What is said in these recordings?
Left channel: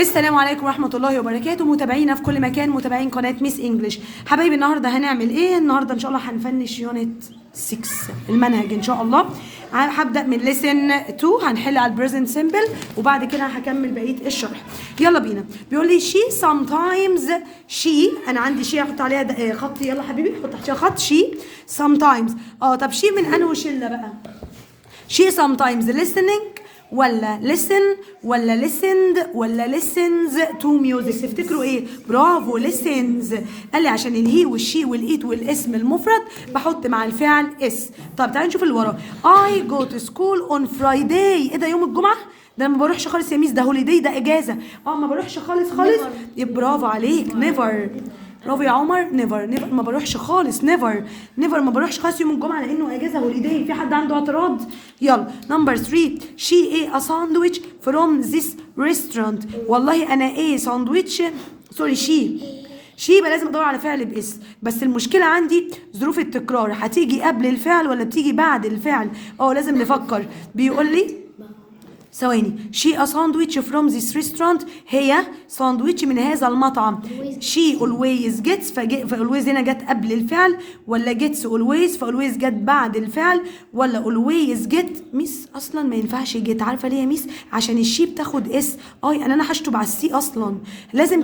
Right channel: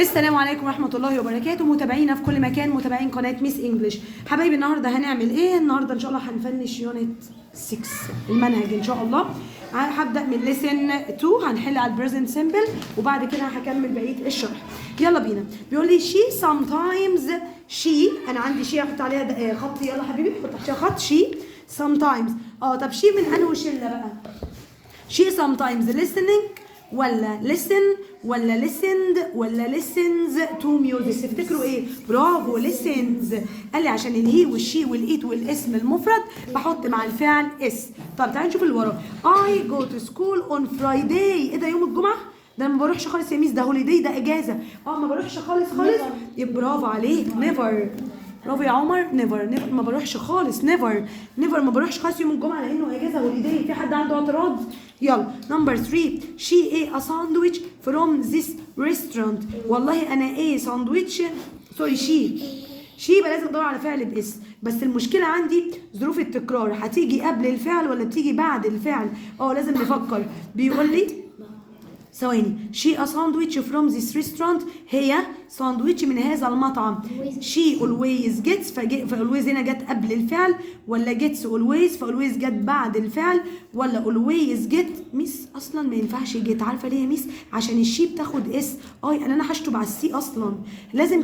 السلام عليكم ورحمة الله وبركاته، متابعينا في كل مكان، متابعين قناة ميس انجلش. حبايبي النهارده هنعمل ايه؟ النهارده ان شاء الله هنفنش يونت 6 المنهج ان شاء الله. هبدأ من ليسن 2 هنحل على البريزنت سيمبل وبعد كده هكمل بقية الشرح. يلا بينا. بيقول لي she sometimes she، انا عندي she هحط عليها خط. يلا حبيبي حط تحتها خط. she sometimes. طب she من انه شلة بقى؟ she sometimes listening ولا listen ولا listened ولا listens to music؟ تفتكروا ايه؟ برافو listens. قال لي عشان الهي والشي والايت والاسم المفرد بحط مع الفعل اس. طب تعالوا نشوف اللي وراه. I go to school on Friday. ايه ده؟ يوم الجمعة؟ ده ما بروحش خالص يا ميس، ده هوليداي، ده اجازة. ما بروحش خالص. برافو عليك. never. برافو يا عمر. نيفر ما بروحش خالص. نيفر ما بروحش خالص يوم الجمعه لانه اجازه هوليداي. في حد عنده اعتراض؟ يلا نمبر 3. شي ايه ا ساندويتش فروم ذيس ريستورانت. والله انا ايه ساندويتش، سوري شي يبقى لازم ادور على فعل باس. بس المشكله عندي ظروف التكرار، هتيجي قبل الفعل ولا بتيجي بعد الفعل؟ لازم نفكر. بيقول لي ثواني. she a sandwich from this restaurant. هي ساندويتش من هذا المطعم. she always gets، فalways هنا جت قبل الفعل، ولا gets always فalways جت بعد الفعل، ولا always get؟ ميس اصلا ما ينفعش get. عارفه ليه يا ميس؟ عشان الشي بتاخد اس. انا هشطب على السي اصلا. لازم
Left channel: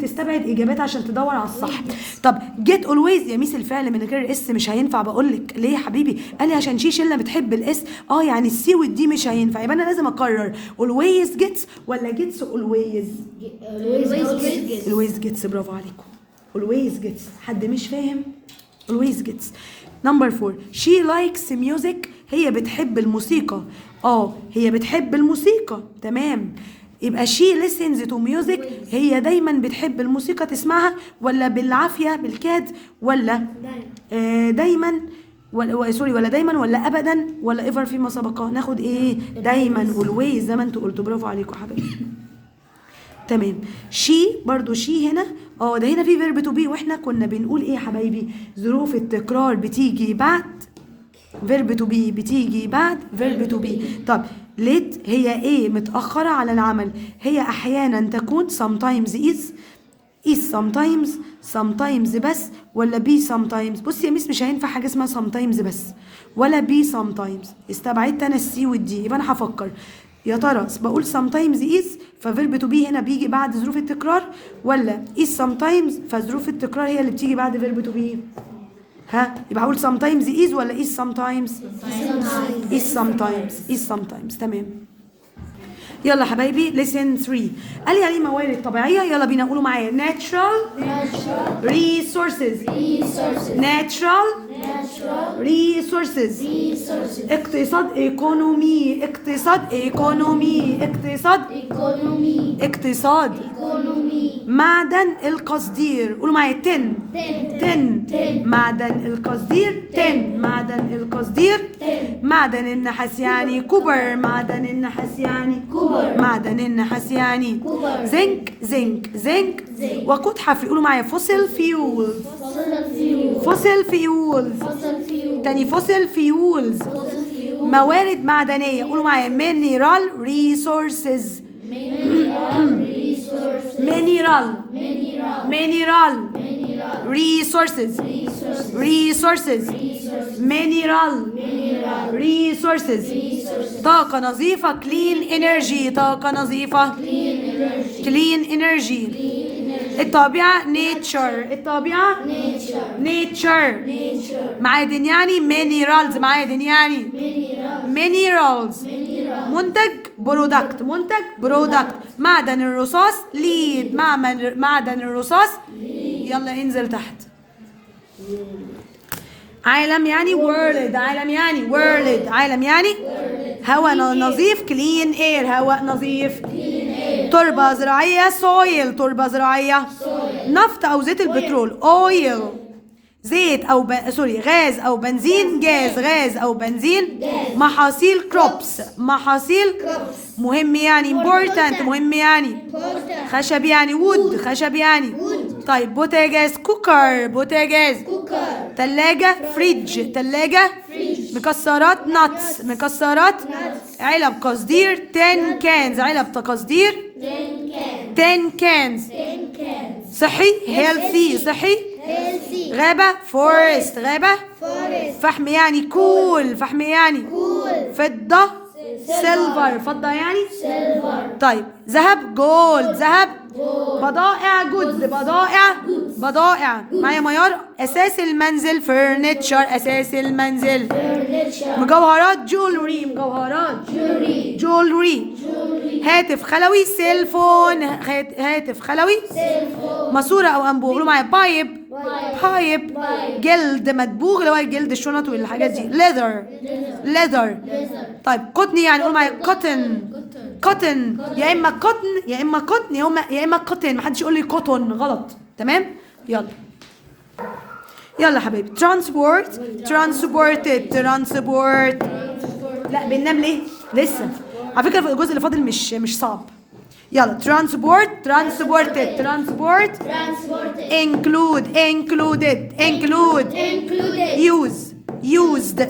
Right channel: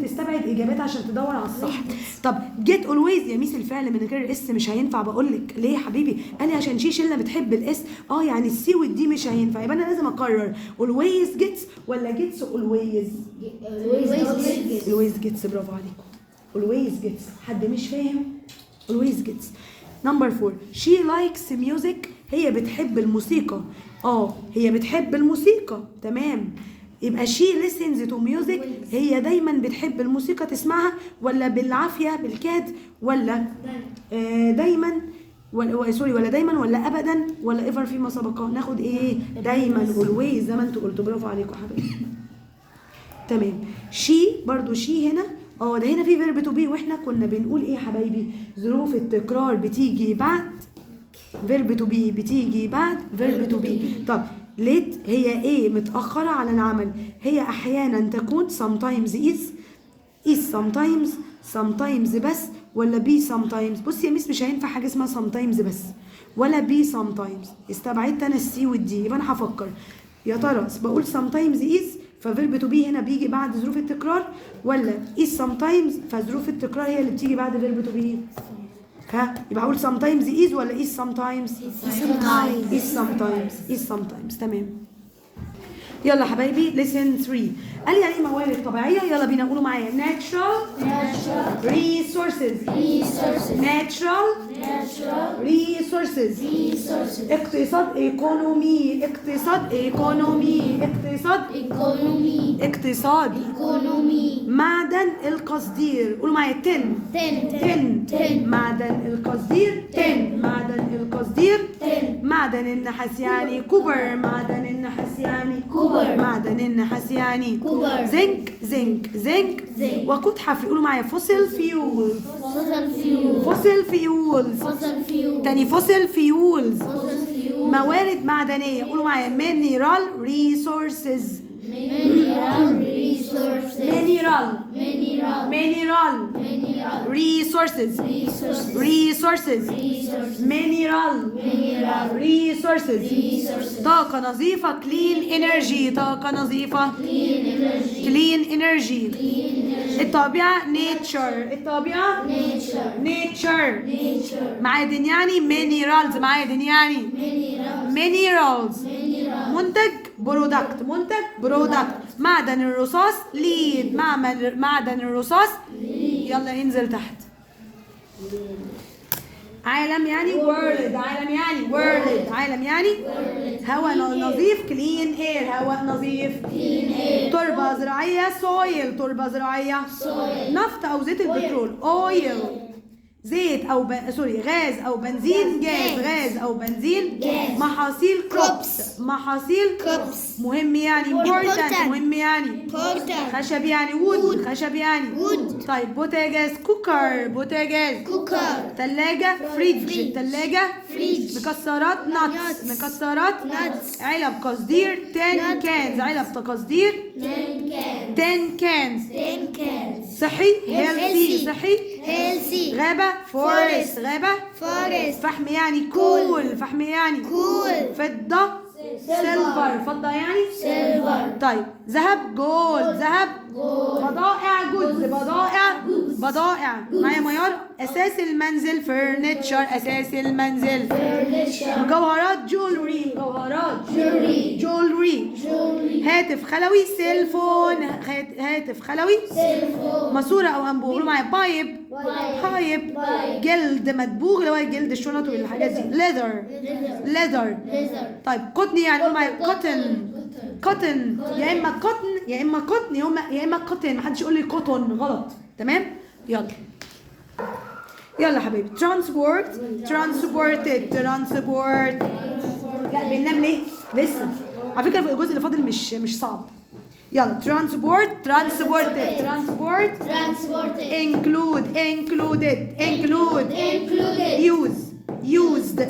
تستبعد اجابات عشان تدور على الصح. طب get always يا ميس الفعل من غير اس مش هينفع. بقول لك ليه يا حبيبي؟ قال لي عشان شله بتحب الاس. يعني السي والدي مش هينفع. يبقى انا لازم اقرر always gets ولا gets always gets. برافو عليكم. always gets. حد مش فاهم؟ always gets. نمبر 4. she likes music. هي بتحب الموسيقى. هي بتحب الموسيقى. تمام. يبقى she listens to music. هي دايما بتحب الموسيقى تسمعها، ولا بالعافية بالكاد، ولا دايما، ولا دايما، ولا ابدا، ولا ايفر فيما سبق؟ ناخد ايه؟ دايما always زي ما انتوا قلتوا. برافو عليكم حبايبي. تمام. شي برضو شي هنا ده هنا في فيرب تو بي، واحنا كنا بنقول ايه يا حبايبي؟ ظروف التكرار بتيجي بعد فيرب تو بي، بتيجي بعد فيرب تو بي. طب ليت هي ايه؟ متأخرة على العمل. هي احيانا تكون sometimes is sometimes بس، ولا بي sometimes؟ بصي يا ميس مش هينفع حاجه اسمها sometimes بس ولا بي sometimes. استبعدت انا السي والدي. يبقى انا هفكر يا ترى بقول sometimes is ففيرب تو بي هنا بيجي بعد ظروف التكرار، ولا is sometimes فظروف التكرار هي اللي بتيجي بعد فيرب تو بي؟ يبقى هقول sometimes is ولا is sometimes؟ is sometimes. تمام. يلا حبايبي ليسن 3. قال لي يعني موارد طبيعيه. يلا بينا نقولوا معايا. natural resources. اقتصاد معدن القصدير. قولوا معايا 10 معدن القصدير. معدن النحاس يعني كوبر. معدن النحاس يعني زنك. وقود حفري. قولوا معايا fossil fuels. تاني fossil fuels. موارد معدنية. قولوا معايا mineral resources. طاقة نظيفة clean energy. الطبيعة nature. معادن يعني minerals. منتج برودكت. معدن الرصاص lead. معدن الرصاص. يلا انزل تحت. عالم يعني world. عالم يعني هواء نظيف clean air. هواء نظيف. تربة زراعية soil. نفط أو زيت البترول oil. زيت أو غاز أو بنزين غاز أو بنزين. محاصيل crops. مهم يعني important. خشب يعني wood. طيب بوتاجاز كوكر. تلاجة فريج. مكسرات nuts. مكسرات علب قصدير 10 cans. علب قصدير 10 cans. صحي healthy. صحي غابة forest. غابة فحم يعني cool. فحم يعني فضة silver. فضة يعني طيب ذهب gold. ذهب بضائع goods. بضائع معايا ميار. أساس المنزل furniture. أساس المنزل مجوهرات jewelry. مجوهرات jewelry. هاتف خلوي cell phone. هاتف خلوي ماسورة أو أنبوب. قولوا معايا بايب. جلد مدبوغ اللي هو الجلد الشنط والحاجات دي. leather. طيب قطن يعني قولوا معايا cotton. يا إما cotton يا إما cotton. محدش يقول لي cotton غلط. تمام يلا حبيبي. transported. لا بننام ليه لسه على فكرة. الجزء اللي فاضل مش صعب. يلا transported include used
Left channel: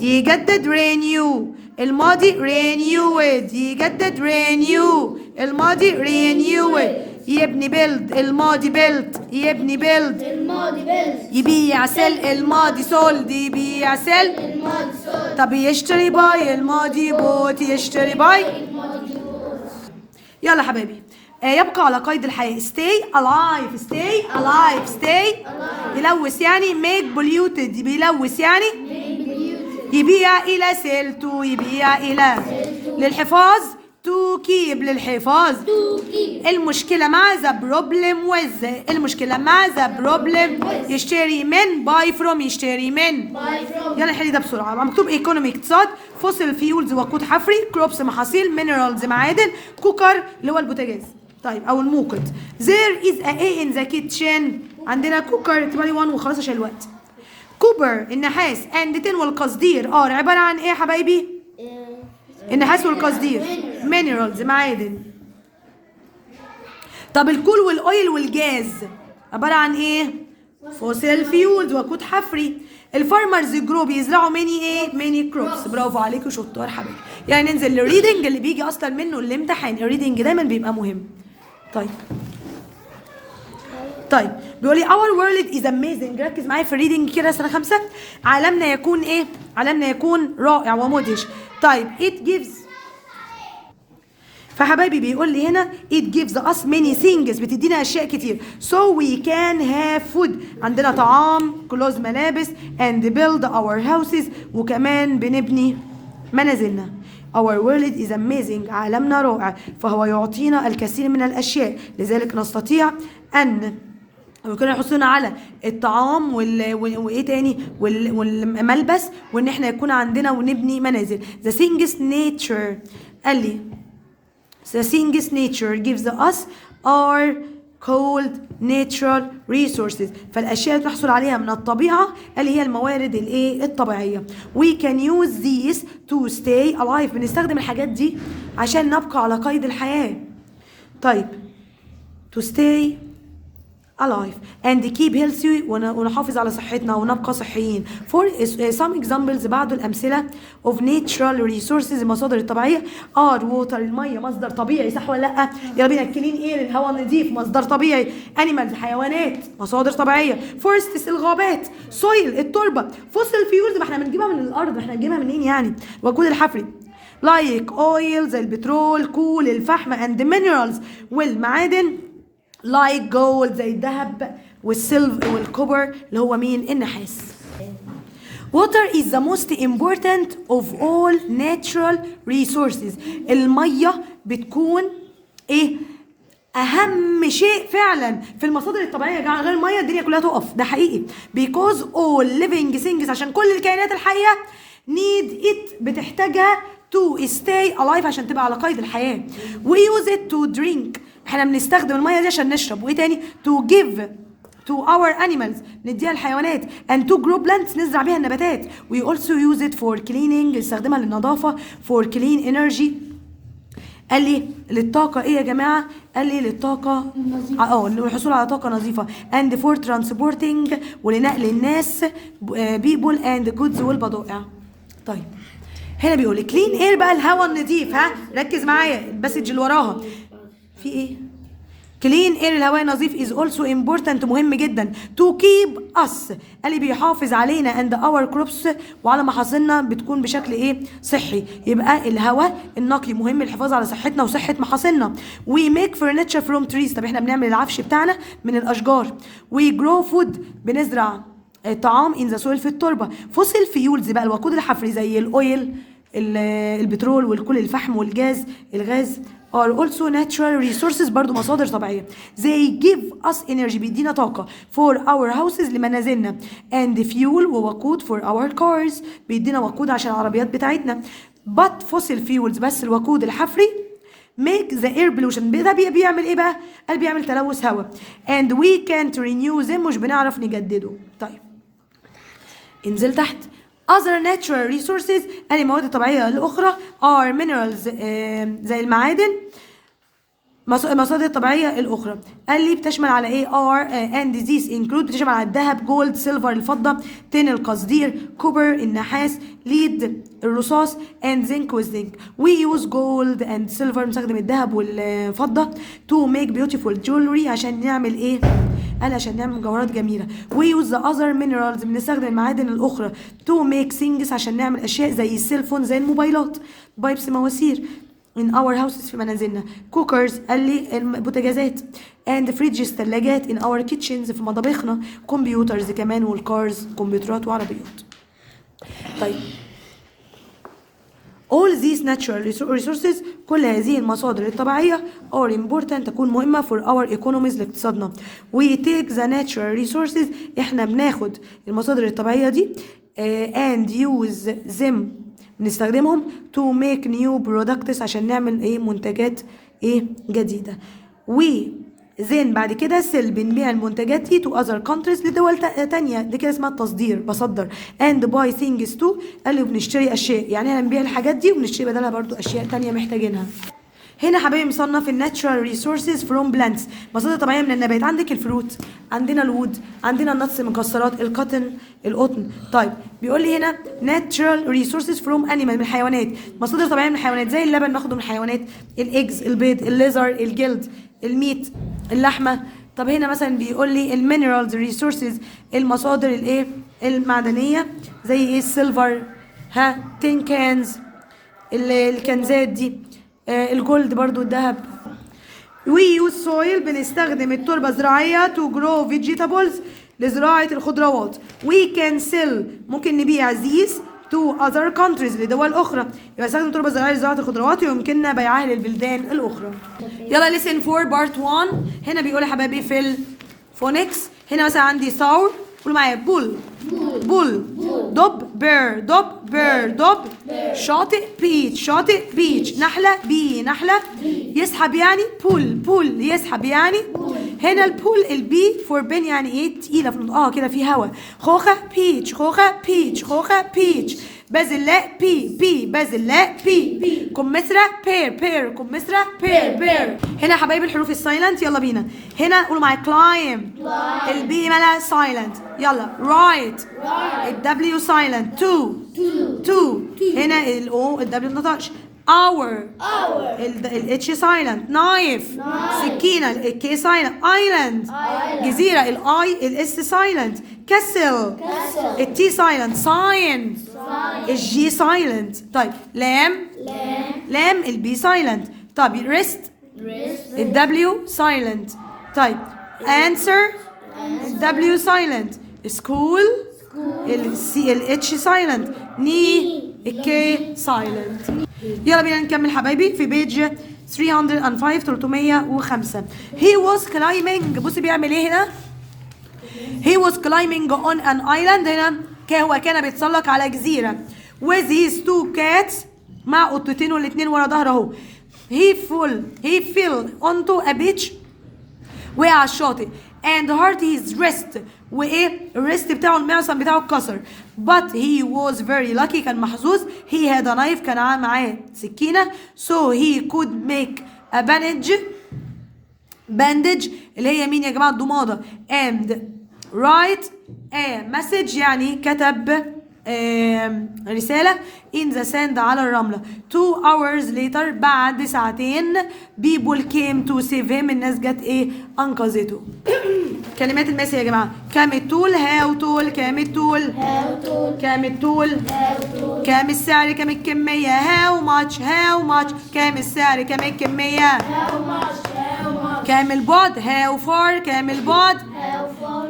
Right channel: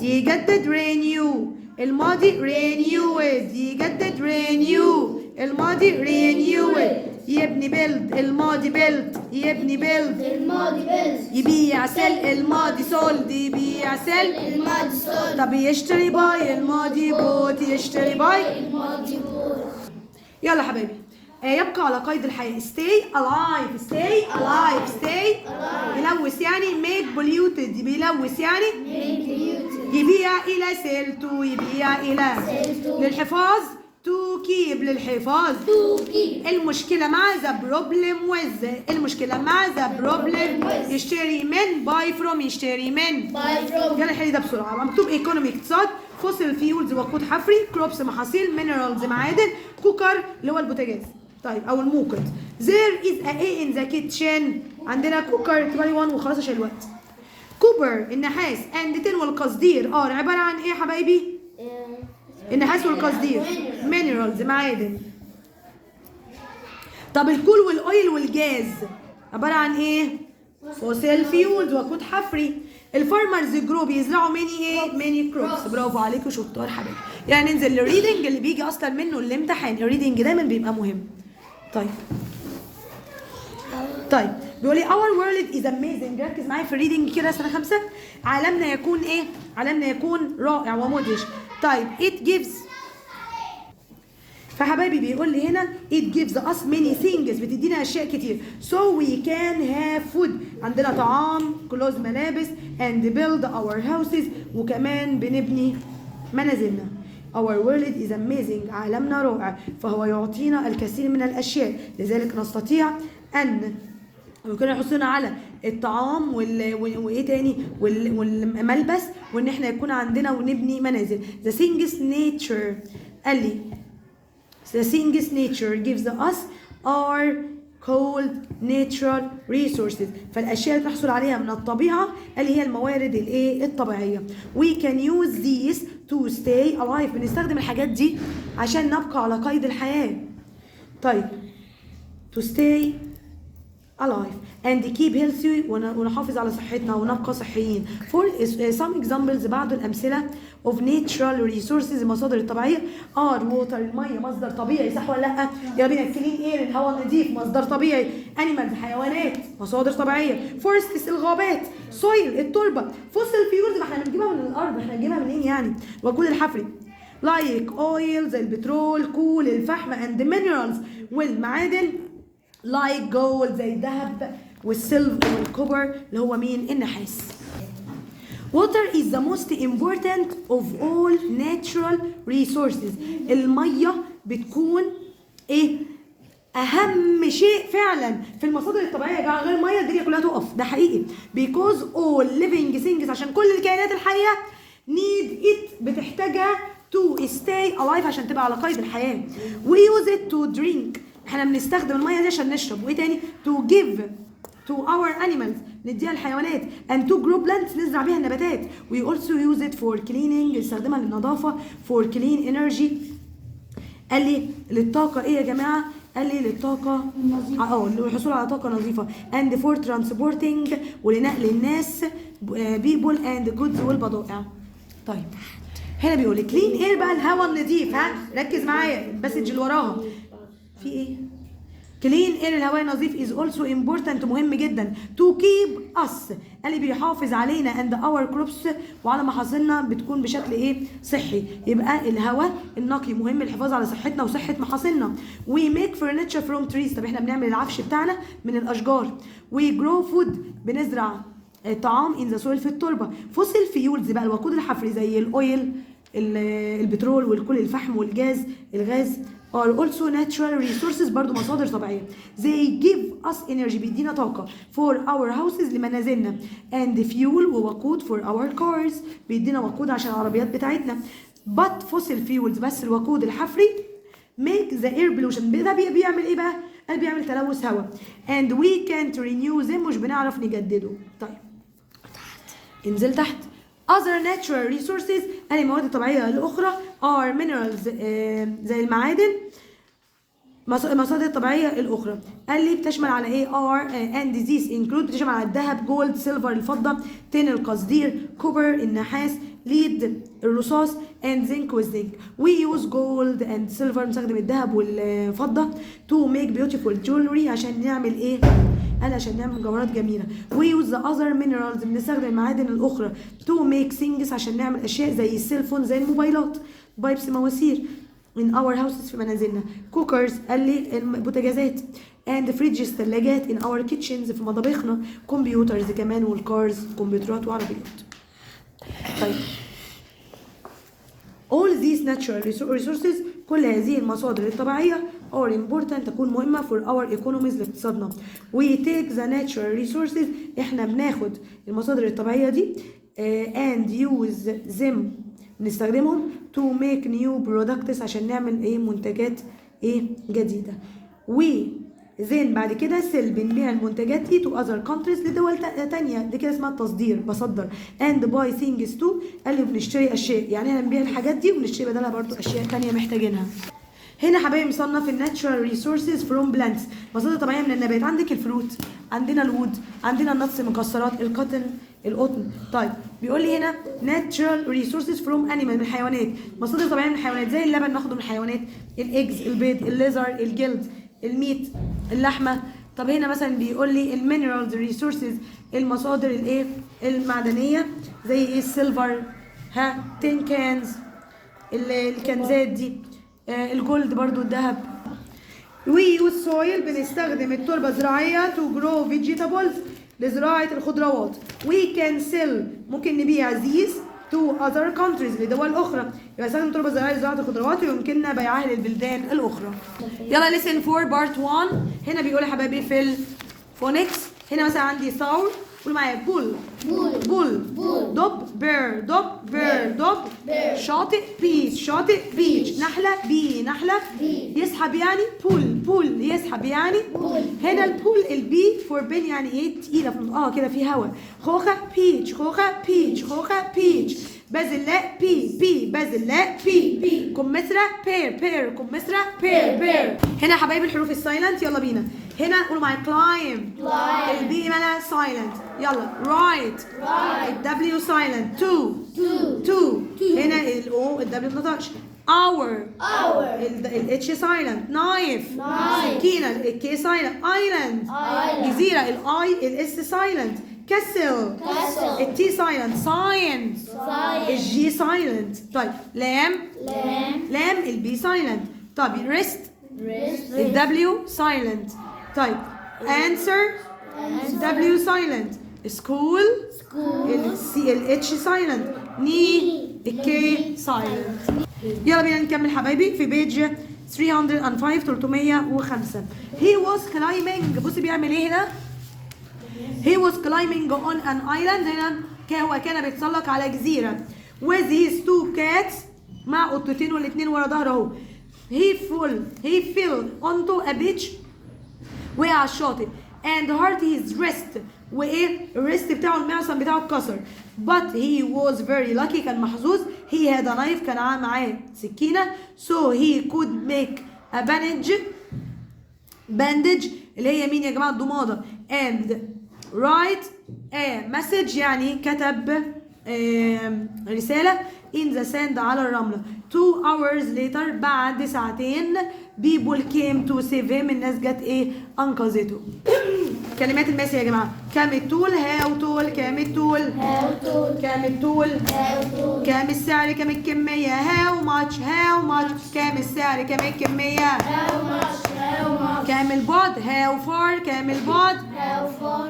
يجدد renew الماضي renewed. يجدد renew الماضي renewed. يبني build الماضي built. يبني build يبيع sell الماضي sold. يبيع sell الماضي sold. طب يشتري buy الماضي bought. يشتري buy. يلا حبايبي يبقى على قيد الحياة stay alive. يلوث يعني make polluted. بيلوث يعني يبيع إلى sell to. يبيع إلى للحفاظ to keep. للحفاظ المشكلة مع the problem with. المشكلة مع the problem يشتري من buy from. يشتري من يلا نحل ده بسرعة. مكتوب economy اقتصاد fossil fuels وقود حفري crops محاصيل minerals معادن كوكر اللي هو البوتاجاز طيب أو الموقد. there is a in the kitchen. عندنا كوكر 21 وخلاص عشان الوقت. كوبر النحاس and tin والقصدير عبارة عن ايه يا حبايبي؟ النحاس والقصدير minerals معادن. طب الكول والاويل والجاز عبارة عن ايه؟ فوسيل فيولز وقود حفري. الفارمرز جرو بيزرعوا ماني كروبس. برافو عليكم شطار حبايبي. يعني ننزل للريدنج اللي بيجي اصلا منه الامتحان. الريدنج دايما بيبقى مهم. طيب بيقول لي our world is amazing. ركز معايا في الريدنج كده سنة 5. عالمنا يكون ايه؟ عالمنا يكون رائع ومدهش. طيب it gives. فحبايبي بيقول لي هنا it gives us many things. بتدينا اشياء كتير. so we can have food. عندنا طعام clothes ملابس and build our houses. وكمان بنبني منازلنا. our world is amazing. عالمنا رائع فهو يعطينا الكثير من الاشياء لذلك نستطيع ان وكنا يحصلنا على الطعام وايه تاني والملبس وان احنا يكون عندنا ونبني منازل. the things nature قال لي the things nature gives us are called natural resources. فالاشياء اللي تحصل عليها من الطبيعه اللي هي الموارد الطبيعيه. we can use these to stay alive. بنستخدم الحاجات دي عشان نبقى على قيد الحياه. طيب to stay alive and keep healthy ونحافظ على صحتنا ونبقى صحيين. for some examples بعض الأمثلة of natural resources المصادر الطبيعية are water المية مصدر طبيعي صح ولا لأ؟ يلا بينا clean air الهواء النظيف مصدر طبيعي. animals حيوانات مصادر طبيعية. forests الغابات. soil التربة. fossil fuels ما احنا بنجيبها من الأرض. احنا بنجيبها منين يعني؟ وجود الحفري. like oil زي البترول كول الفحم and minerals والمعادن like gold زي الذهب والسيلفر والكوبر اللي هو مين؟ النحاس. Water is the most important of all natural resources. المية بتكون ايه؟ أهم شيء فعلا في المصادر الطبيعية. يا جماعة غير المية الدنيا كلها تقف. ده حقيقي. Because all living things عشان كل الكائنات الحية need it بتحتاجها to stay alive عشان تبقى على قيد الحياة. We use it to drink. احنا بنستخدم الميه دي عشان نشرب. وايه تاني؟ to give to our animals نديها الحيوانات and to grow plants نزرع بيها النباتات. we also use it for cleaning نستخدمها للنظافه for clean energy قال لي للطاقة ايه يا جماعة؟ قال لي للطاقة للحصول على طاقة نظيفة and for transporting ولنقل الناس people and goods والبضائع. طيب هنا بيقول لي كلين اير بقى الهواء النظيف. ها ركز معايا المسج اللي وراها في ايه؟ كلين اير الهواء النظيف is also important مهم جدا to keep us قال لي بيحافظ علينا and our crops وعلى محاصيلنا بتكون بشكل ايه؟ صحي. يبقى الهواء النقي مهم للحفاظ على صحتنا وصحة محاصيلنا. we make furniture from trees طب احنا بنعمل العفش بتاعنا من الاشجار. we grow food بنزرع طعام in the soil في التربة. fossil fuels بقى الوقود الحفري زي الاويل البترول والكل الفحم والغاز الغاز are also natural resources برضو مصادر طبيعية. they give us energy بيدينا طاقة for our houses لمنازلنا and fuel ووقود for our cars بيدينا وقود عشان العربيات بتاعتنا. but fossil fuels بس الوقود الحفري make the air pollution ده بيعمل ايه بقى؟ قال بيعمل تلوث هواء and we can't renew them مش بنعرف نجدده. طيب انزل تحت. other natural resources قال المواد الطبيعية الأخرى are minerals زي المعادن المصادر الطبيعية الأخرى. قال لي بتشمل على إيه؟ are and these include بتشمل على الذهب جولد سيلفر الفضة tin القصدير كوبر النحاس ليد الرصاص and zinc والزنك. we use gold and silver بنستخدم الذهب والفضة to make beautiful jewelry عشان نعمل إيه؟ قال عشان نعمل مجوهرات جميلة. we use the other minerals بنستخدم المعادن الأخرى to make things عشان نعمل أشياء زي السيلفون زي الموبايلات بايبس مواسير in our houses في منازلنا. cookers قال لي البوتاجازات and fridges ثلاجات in our kitchens في مطابخنا. computers كمان والكارز كمبيوترات وعربيات. طيب all these natural resources كل هذه المصادر الطبيعية are important تكون مهمة for our economies لاقتصادنا. we take the natural resources احنا بناخد المصادر الطبيعية دي and use them بنستخدمهم to make new products عشان نعمل ايه منتجات ايه جديدة. we then بعد كده sell بنبيع المنتجات دي to other countries لدول تانية دي كده اسمها التصدير بصدر and buy things too قال لي بنشتري اشياء يعني احنا بنبيع الحاجات دي وبنشتري بدلها برضو اشياء تانية محتاجينها. هنا حبايبي مصنف الناتشرال ريسورسز فروم بلانتس مصادر طبيعيه من النبات. عندك الفروت عندنا الوود عندنا النتس المكسرات القطن. طيب بيقول لي هنا ناتشرال ريسورسز فروم انيمال من الحيوانات مصادر طبيعيه من الحيوانات زي اللبن ناخده من الحيوانات الايجز البيض الليزر الجلد الميت اللحمه. طب هنا مثلا بيقول لي المينرالز ريسورسز المصادر الايه المعدنيه زي ايه السيلفر تين كانز الكنزات دي الجولد برضو الذهب. we use soil بنستخدم التربة الزراعية to grow vegetables لزراعة الخضروات. we can sell ممكن نبيع these to other countries لدول أخرى. يبقى استخدم التربة الزراعية لزراعة الخضروات ويمكننا بيعها للبلدان الأخرى. يلا listen for part 1. هنا بيقول يا حبايبي في الفونكس هنا مثلا عندي ثور قولوا معايا بول دب بير دب شاطئ بيتش نحلة نحلة يسحب يعني بول يسحب يعني هنا البول البي فور بين يعني ايه تقيلة في كده في هوا. خوخة بيتش بازلاء بازلاء بي كمثرى بير. هنا يا حبايبي الحروف السايلنت يلا بينا. هنا قولوا معايا كلايم البي مالها سايلنت يلا رايت الدبليو سايلنت تو هنا الاو الدبليو ما نطقش اور الاتش سايلنت نايف سكينه الكي سايلنت ايلاند جزيره الاي الاس سايلنت كسل التي سايلنت ساين الجي سايلنت. طيب لام البي سايلنت. طيب ريست الدبليو سايلنت. طيب answer الدبليو سايلنت. سكول السي الاتش سايلنت ني الكي سايلنت. يلا بينا نكمل حبايبي في بيج 305 he was climbing بصي بيعمل ايه هنا he was climbing on an island هنا هو كان بيتسلق على جزيرة with his two cats مع قطتين والاتنين ورا ظهره اهو. he fell onto a beach وقع على الشاطئ and hurt his wrist. وايه الريست بتاعه المعصم بتاعه اتكسر. but he was very lucky كان محظوظ. he had a knife كان معاه سكينة. so he could make a bandage اللي هي مين يا جماعة الضمادة. and write a message يعني كتب رسالة in the sand على الرملة. 2 hours later بعد ساعتين people came to save him الناس جت ايه أنقذته. كلمات الماس يا جماعة. كام الطول how tall كام الطول كام الطول كام السعر كام الكمية how much كام السعر كام الكمية كام البعد how far كام البعد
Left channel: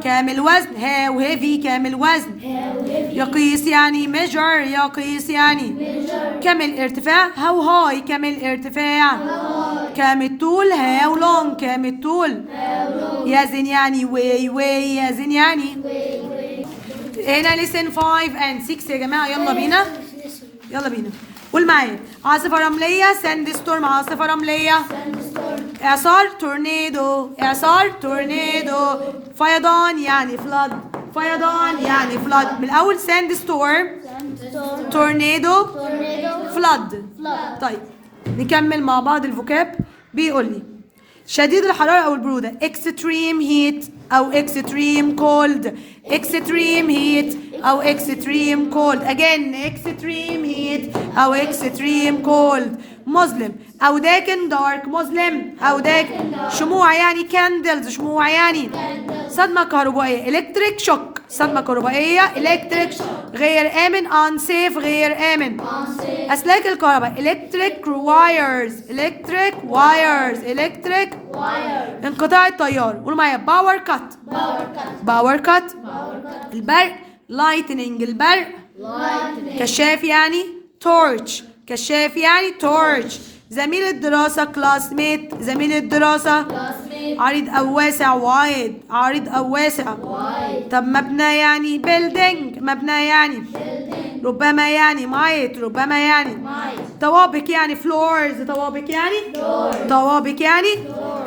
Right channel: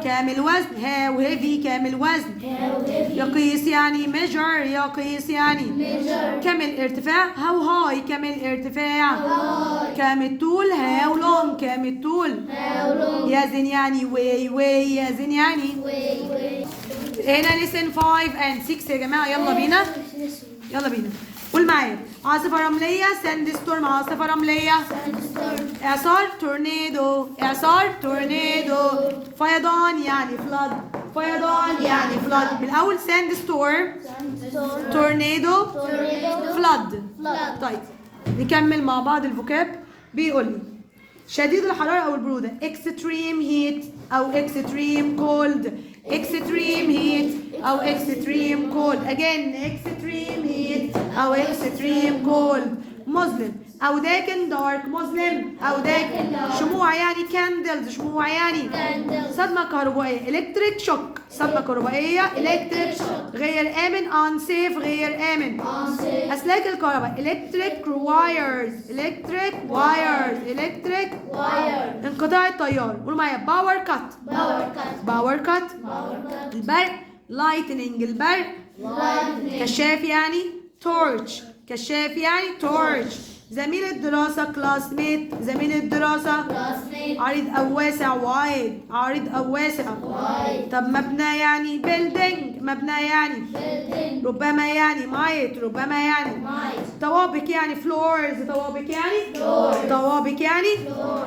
كام الوزن how heavy كام الوزن يقيس يعني measure يقيس يعني كام الارتفاع how high كام الارتفاع كام الطول how long كام الطول يزن يعني weigh يزن يعني. هنا listen 5 and 6 يا جماعة. يلا بينا قول معايا. عاصفة رملية ساند ستورم. عاصفة رملية إعصار تورنيدو. فيضان يعني flood. من الأول ساند ستورم تورنيدو flood. طيب نكمل مع بعض الفوكاب. بيقول لي شديد الحرارة أو البرودة extreme heat أو extreme cold. extreme heat أو extreme cold. again extreme heat أو extreme cold. مظلم أو داكن dark. مظلم أو داكن. شموع يعني candles. شموع يعني صدمة كهربائية electric shock. صدمة كهربائية electric. غير آمن unsafe. غير آمن. أسلاك الكهرباء electric wires. انقطاع التيار. قولوا معايا باور كات. البرق lightning. البرق كشاف يعني torch. زميل الدراسة classmate. زميل الدراسة عريض أو واسع wide. طب مبنى يعني building. ربما يعني طوابق يعني floors.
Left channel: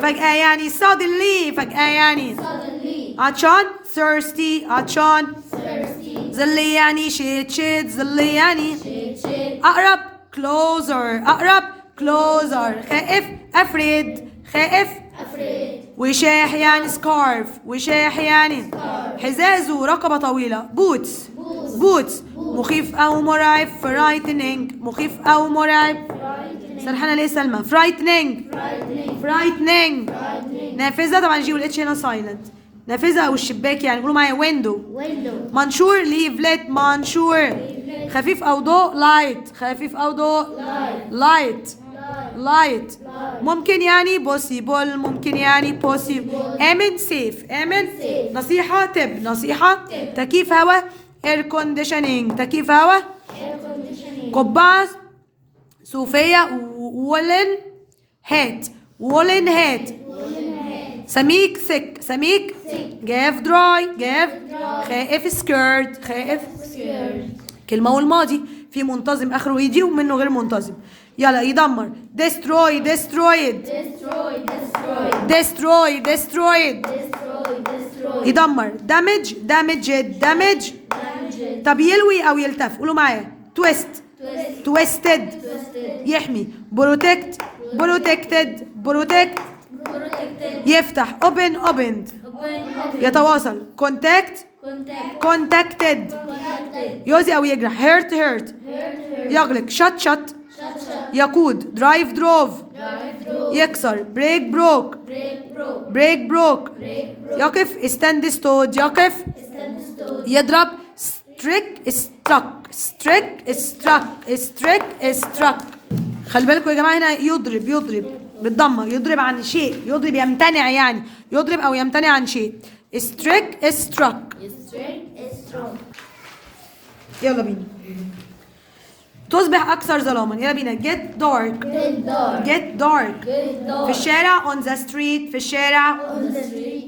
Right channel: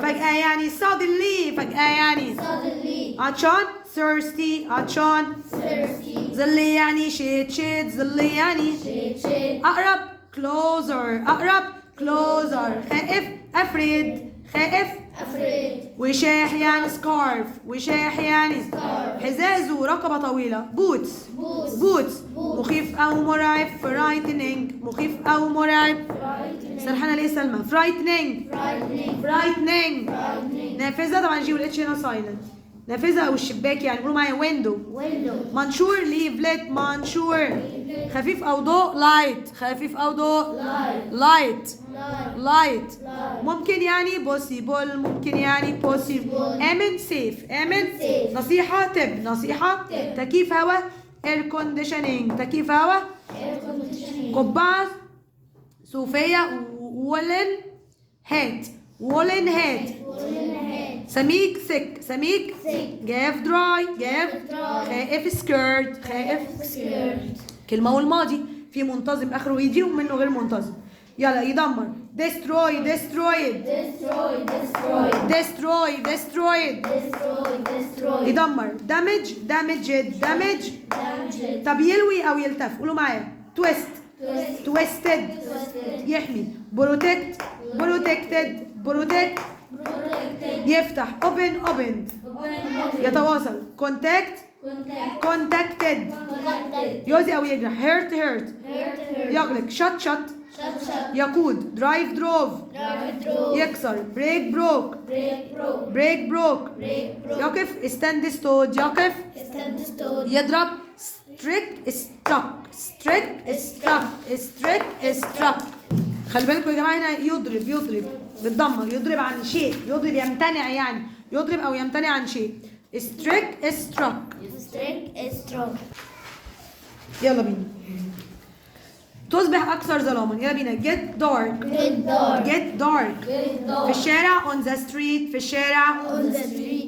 فجأة يعني suddenly. عطشان thirsty. ظل يعني shade. أقرب closer. خائف afraid. وشاح يعني scarf. حذاء ذو رقبة طويلة boots. مخيف أو مرعب frightening. سرحانة ليه سلمى frightening. نافذة طبعا جي والاتش هنا silent. نافذة أو الشباك يعني. قولوا معايا window. منشور leaflet. خفيف أو ضوء light. ممكن يعني possible. آمن safe. نصيحة تكييف هواء air conditioning. قبعة صوفية woolen hat. سميك جاف dry. خائف skirt. كلمة والماضي في منتظم آخره يجي ومنه غير منتظم. يلا يدمر destroyed. يدمر damaged. طب يلوي أو يلتف. قولوا معايا twisted. يحمي protected. يفتح opened. يتواصل contacted. يؤذي أو يجرح hurt. يغلق shut. يقود drove. يكسر break broke. يقف stand stood. يضرب struck. خلي بالكم يا جماعة هنا يضرب بالضمة. يضرب عن شيء. يمتنع يعني. يضرب أو يمتنع عن شيء. struck. يلا بينا. تصبح أكثر ظلاما. يلا بينا get dark. في الشارع on the street.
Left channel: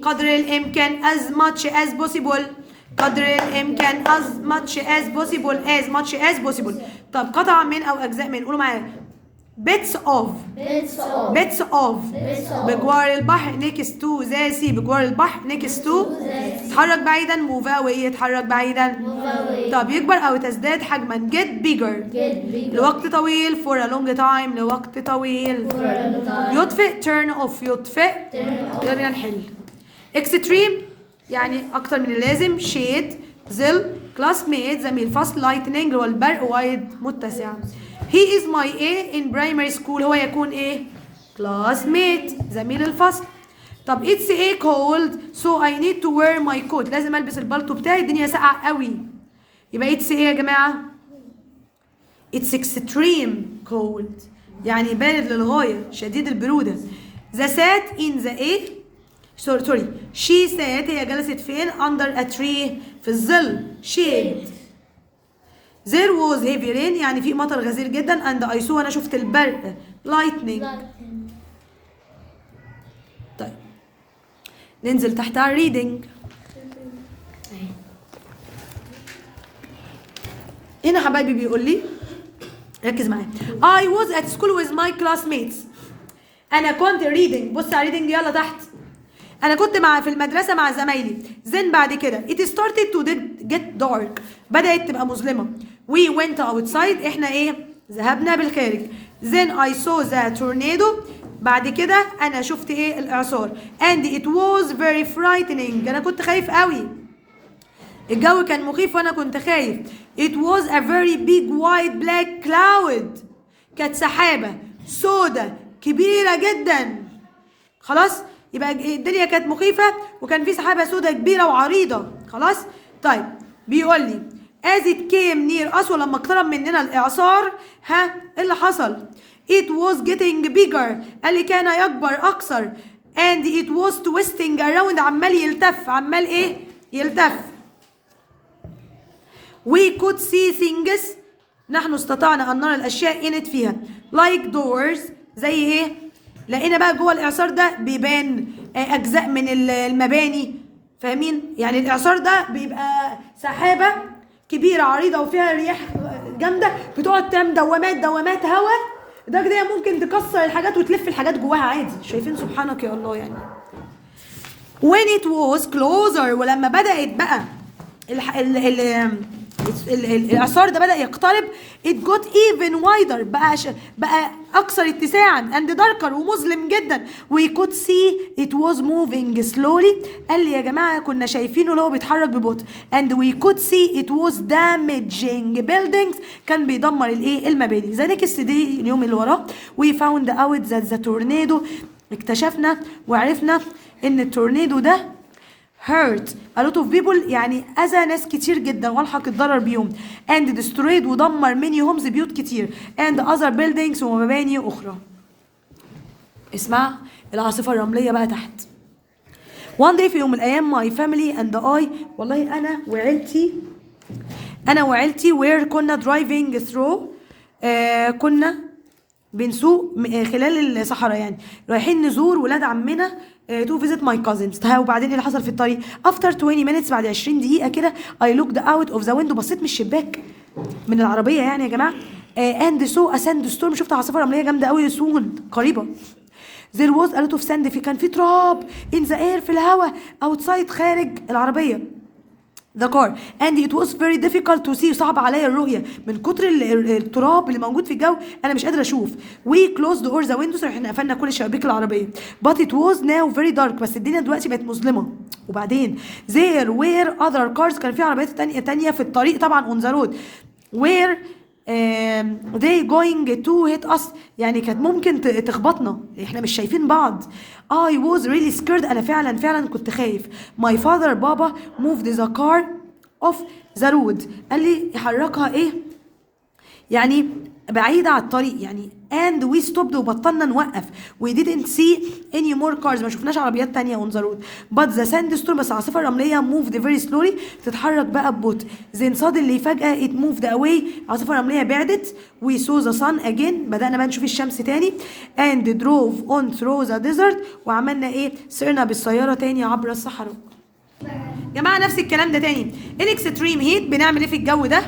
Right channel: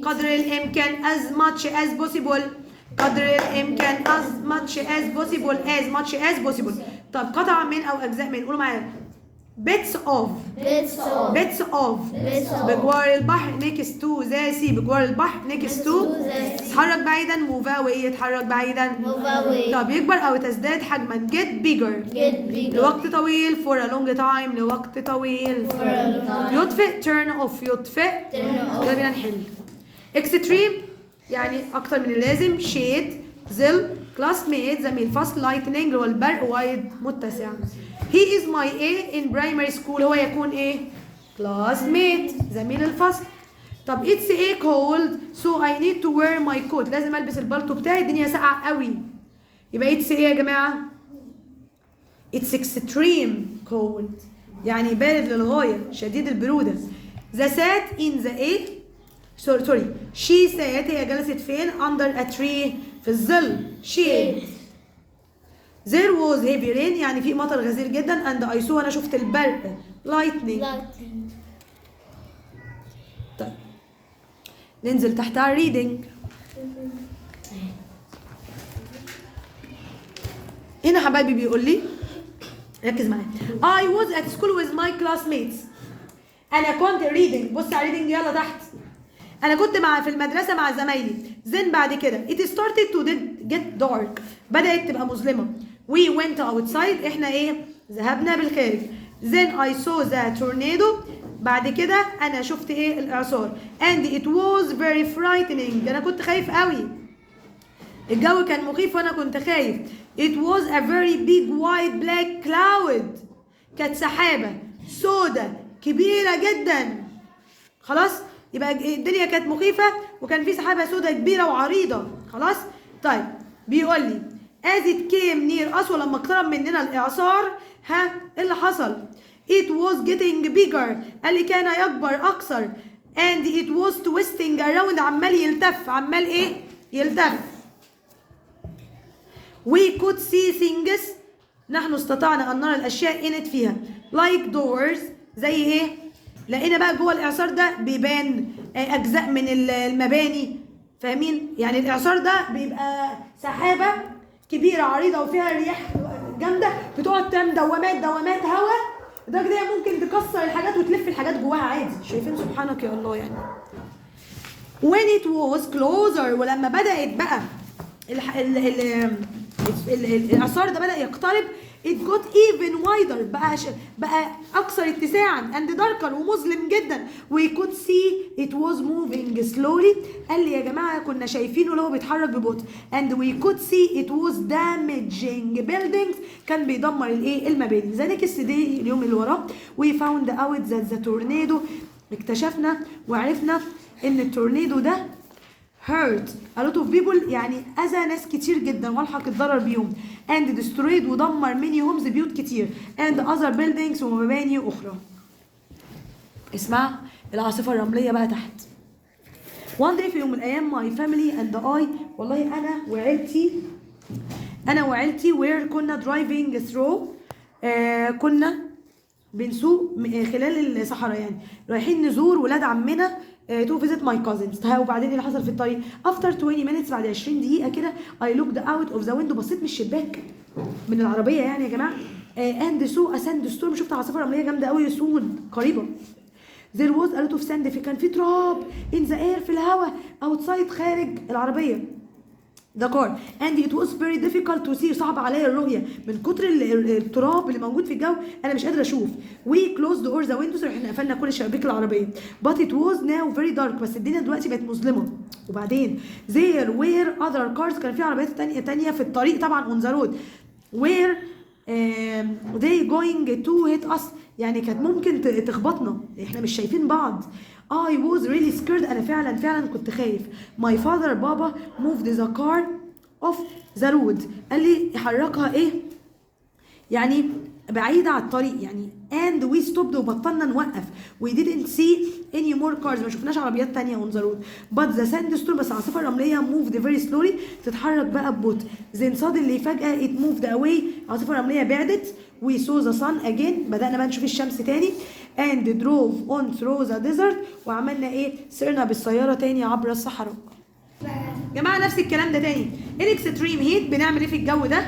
قدر الإمكان as much as possible. as much as possible. طب قطعة من أو أجزاء من. قولوا معايا bits of بجوار البحر next to the sea بجوار البحر next to اتحرك بعيدا move away اتحرك بعيدا طب يكبر أو تزداد حجما get bigger لوقت طويل for a long time لوقت طويل يطفئ turn off يطفئ يلا نحل extreme يعني أكتر من اللازم shade ظل classmate زميل فصل lightning اللي هو البرق wide متسع he is my A in primary school هو يكون ايه classmate زميل الفصل طب it's a cold so I need to wear my coat لازم البس البلطو بتاعي الدنيا ساقعه قوي يبقى it's ايه يا جماعه it's extreme cold يعني بارد للغايه شديد البروده the sat in the A sorry she sat هي جلست فين under a tree في الظل shade there was heavy rain يعني في مطر غزير جدا and I saw انا شفت البرق lightning طيب ننزل تحت على reading هنا حبايبي بيقول لي ركز معايا I was at school with my classmates انا كنت reading بص على reading يلا تحت انا كنت في المدرسه مع زمايلي then بعد كده it started to get dark بدات تبقى مظلمه we went outside احنا ايه ذهبنا بالخارج then I saw the tornado بعد كده انا شفت ايه الاعصار and it was very frightening انا كنت خايف قوي الجو كان مخيف وانا كنت خايف it was a very big white black cloud كانت سحابه سودة كبيره جدا خلاص يبقى الدنيا كانت مخيفة وكان في سحابة سوداء كبيرة وعريضة خلاص طيب بيقول لي as it came near us ولما اقترب مننا الإعصار ها ايه اللي حصل it was getting bigger قال لي كان يكبر أكثر and it was twisting around عمال يلتف عمال ايه يلتف we could see things نحن استطعنا أن نرى الأشياء in it فيها like doors زي ايه لقينا بقى جوه الاعصار ده بيبان اجزاء من المباني فاهمين يعني الاعصار ده بيبقى سحابه كبيره عريضه وفيها رياح جامده بتقعد تعمل دوامات هواء ده كده ممكن تكسر الحاجات وتلف الحاجات جواها عادي شايفين سبحانك يا الله يعني when it was closer ولما بدات بقى الإعصار ده بدأ يقترب it got even wider بقى أكثر اتساعا and darker ومظلم جدا we could see it was moving slowly قال لي يا جماعة كنا شايفينه اللي هو بيتحرك ببطء and we could see it was damaging buildings كان بيدمر الايه المباني ذلك السدي اليوم اللي وراه we found out that the tornado اكتشفنا وعرفنا ان التورنيدو ده hurt a lot of people يعني أذى ناس كتير جدا والحق الضرر بيهم and destroyed ودمر many homes بيوت كتير and other buildings ومباني أخرى اسمع العاصفة الرملية بقى تحت one day في يوم من الأيام my family and I والله أنا وعيلتي where كنا driving through كنا بنسوق خلال الصحراء يعني رايحين نزور ولاد عمنا to visit my cousins وبعدين اللي حصل في الطريق after 20 minutes بعد 20 دقيقة كده I looked out of the window بصيت من الشباك من العربية يعني يا جماعة and saw a sandstorm شفت عاصفة رملية جامدة قوي soon قريبة there was a lot of sand كان في تراب in the air في الهواء outside خارج العربية the car and it was very difficult to see صعب عليا الرؤية من كتر التراب اللي موجود في الجو أنا مش قادرة أشوف we closed all the windows احنا قفلنا كل شبابيك العربية but it was now very dark بس الدنيا دلوقتي بقت مظلمة وبعدين there were other cars كان في عربيات تانية في الطريق طبعا on the road where they going to hit us يعني كانت ممكن تخبطنا احنا مش شايفين بعض I was really scared انا فعلا كنت خايف my father بابا moved the car off the road قال لي حركها ايه يعني بعيدة على الطريق يعني and we stopped وبطلنا نوقف we didn't see any more cars ما شفناش عربيات تانية on the road but the sandstorm بس العاصفة الرملية moved very slowly تتحرك بقى ببطء then suddenly فجأة it moved away العاصفة الرملية بعدت we saw the sun again بدأنا بقى نشوف الشمس تاني and drove on through the desert وعملنا ايه سرنا بالسيارة تاني عبر الصحراء جماعة نفس الكلام ده تاني in extreme heat بنعمل ايه في الجو ده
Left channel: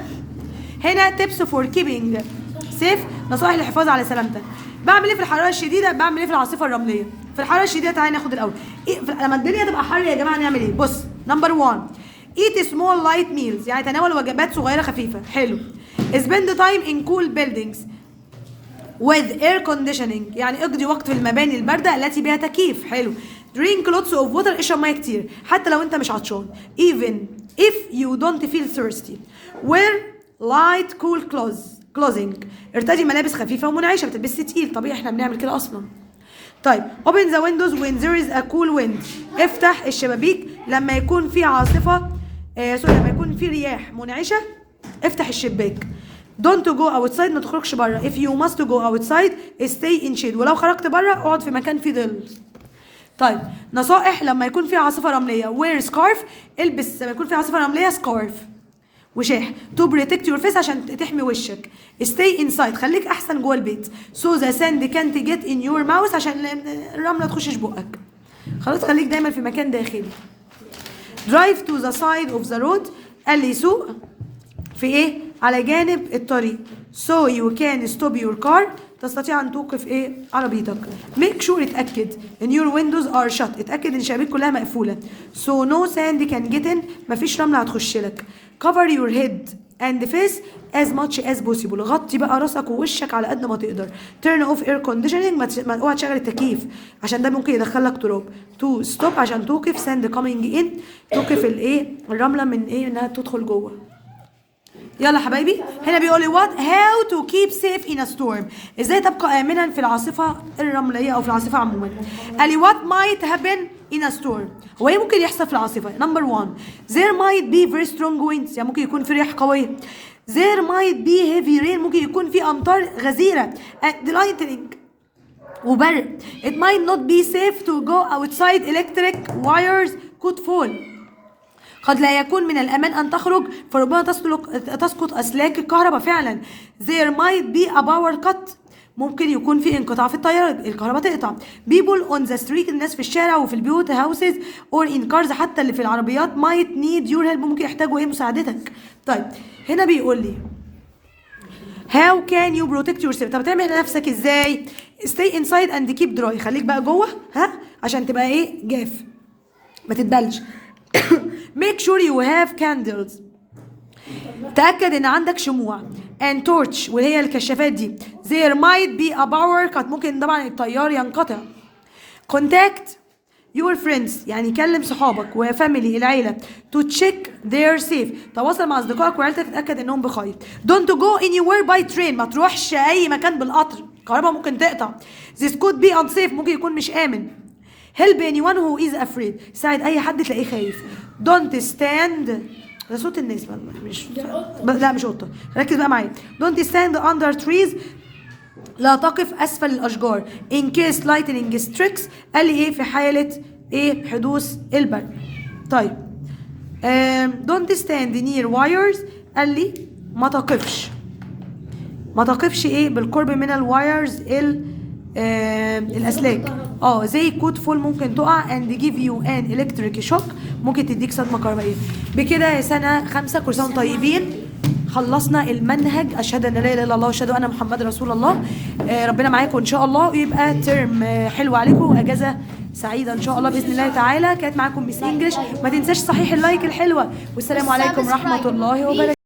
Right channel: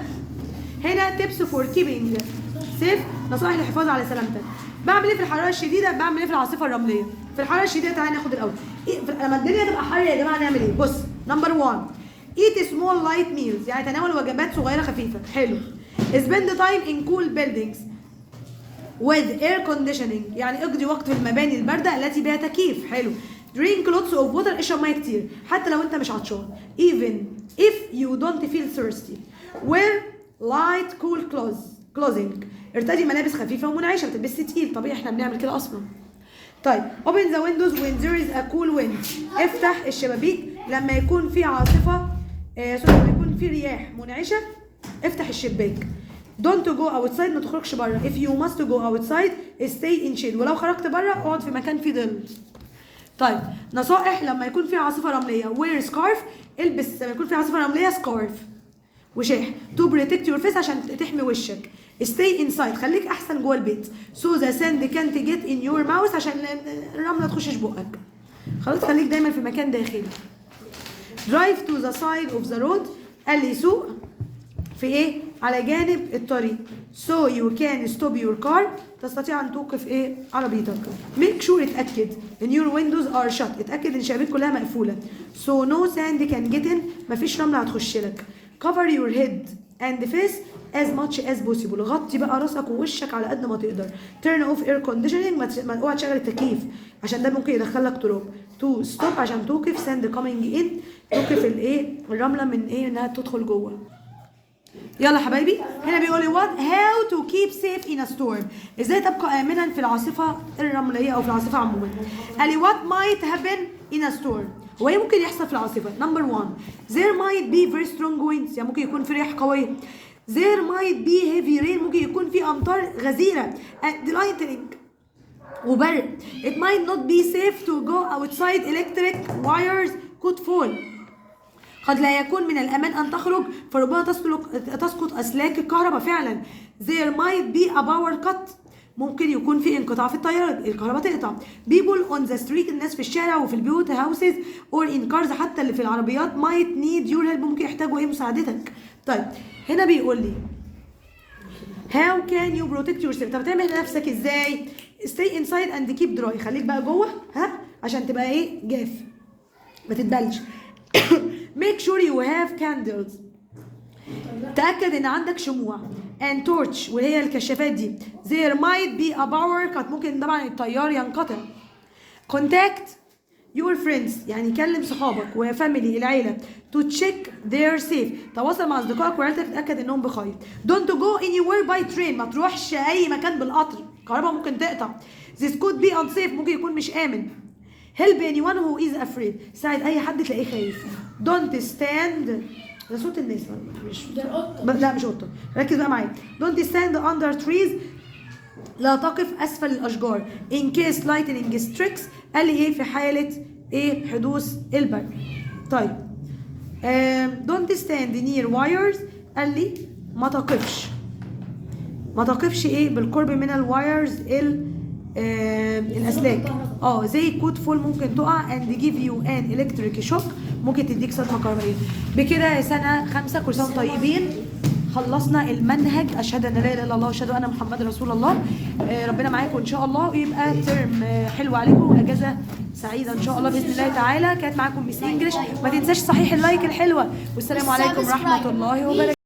هنا tips for keeping سيف نصائح للحفاظ على سلامتك. بعمل ايه في الحراره الشديده؟ بعمل ايه في العاصفه الرمليه؟ في الحراره الشديده تعالى ناخد الاول إيه لما الدنيا تبقى حر يا جماعه نعمل ايه؟ بص نمبر 1 eat small light meals، يعني تناول وجبات صغيره خفيفه. حلو. spend time in cool buildings with air conditioning، يعني اقضي وقت في المباني البارده التي بها تكييف. حلو. drink lots of water، اشرب ميه كتير حتى لو انت مش عطشان. even if you don't feel thirsty. wear light cool clothing، ارتدي ملابس خفيفه ومنعشه، ما تلبسش تقيل، طبيعي احنا بنعمل كده اصلا. طيب open the windows when there is a cool wind، افتح الشبابيك لما يكون في عاصفه لما يكون في رياح منعشه افتح الشباك. don't go outside، ما تخرجش بره. if you must go outside stay in shade، ولو خرجت بره اقعد في مكان فيه ظل. طيب نصائح لما يكون في عاصفه رمليه. wear scarf، البس لما يكون في عاصفه رمليه سكارف وشاح. to protect your face، عشان تحمي وشك. stay inside، خليك احسن جوه البيت. so the sand can't get in your mouth، عشان الرمله تخشش بقك. خلاص خليك دايما في مكان داخلي. drive to the side of the road، قال لي سوق في ايه؟ على جانب الطريق. so you can stop your car، تستطيع ان توقف ايه؟ عربيتك. make sure، اتاكد ان your windows are shut، اتاكد ان الشبابيك كلها مقفوله. so no sand can get in، مفيش رمله هتخش لك. cover your head and face as much as possible، غطي بقى راسك ووشك على قد ما تقدر. turn off air conditioning، ما اوعى تشغل التكييف عشان ده ممكن يدخلك تراب. to stop، عشان توقف sand coming in، توقف الايه؟ الرمله من ايه؟ انها تدخل جوه. يلا حبايبي هنا بيقول لي what how to keep safe in a storm، ازاي تبقى امنا في العاصفه الرمليه او في العاصفه عموما. قال لي what might happen in a storm، هو ايه ممكن يحصل في العاصفه. نمبر 1 there might be very strong winds، يعني ممكن يكون في رياح قويه. there might be heavy rain، ممكن يكون في امطار غزيره. and lightning، وبرق. it might not be safe to go outside، electric wires could fall، قد لا يكون من الأمان أن تخرج فربما تسقط أسلاك الكهرباء. فعلا there might be a power cut، ممكن يكون في انقطاع في التيار، الكهرباء تقطع. people on the street، الناس في الشارع وفي البيوت houses or in cars، حتى اللي في العربيات might need your help، ممكن يحتاجوا ايه؟ مساعدتك. طيب هنا بيقول لي how can you protect yourself، طب تعمل نفسك ازاي؟ stay inside and keep dry، خليك بقى جوه عشان تبقى ايه؟ جاف ما تتبلش. make sure you have candles، تأكد ان عندك شموع. and torch، وهي الكشافات دي. there might be a power cut، ممكن طبعا التيار ينقطع. contact your friends، يعني كلم صحابك وفاميلي العيلة. to check their safe، تواصل مع اصدقائك وعيلتك تتأكد انهم بخير. don't go anywhere by train، ما تروحش اي مكان بالقطر، الكهرباء ممكن تقطع. this could be unsafe، ممكن يكون مش آمن. help anyone who is afraid، ساعد اي حد تلاقيه خايف. don't stand، ده صوت الناس مش لا مش قطه، ركز بقى معايا. don't stand under trees، لا تقف اسفل الاشجار. in case lightning strikes، قال لي ايه؟ في حاله ايه؟ حدوث البرق. طيب don't stand near wires، قال لي ما تقفش ايه؟ بالقرب من الوايرز الاسلاك. زي كود فول، ممكن تقع. and give you an electric shock، ممكن تديك صدمه كهربائيه. بكده يا سنه 5 كل سنه طيبين. خلصنا المنهج. اشهد ان لا اله الا الله واشهد ان محمد رسول الله. ربنا معاكم ان شاء الله، ويبقى ترم حلو عليكم واجازه سعيده ان شاء الله باذن الله تعالى. كانت معاكم ميس انجلش. ما تنساش صحيح اللايك الحلوه، والسلام عليكم ورحمه الله وبركاته.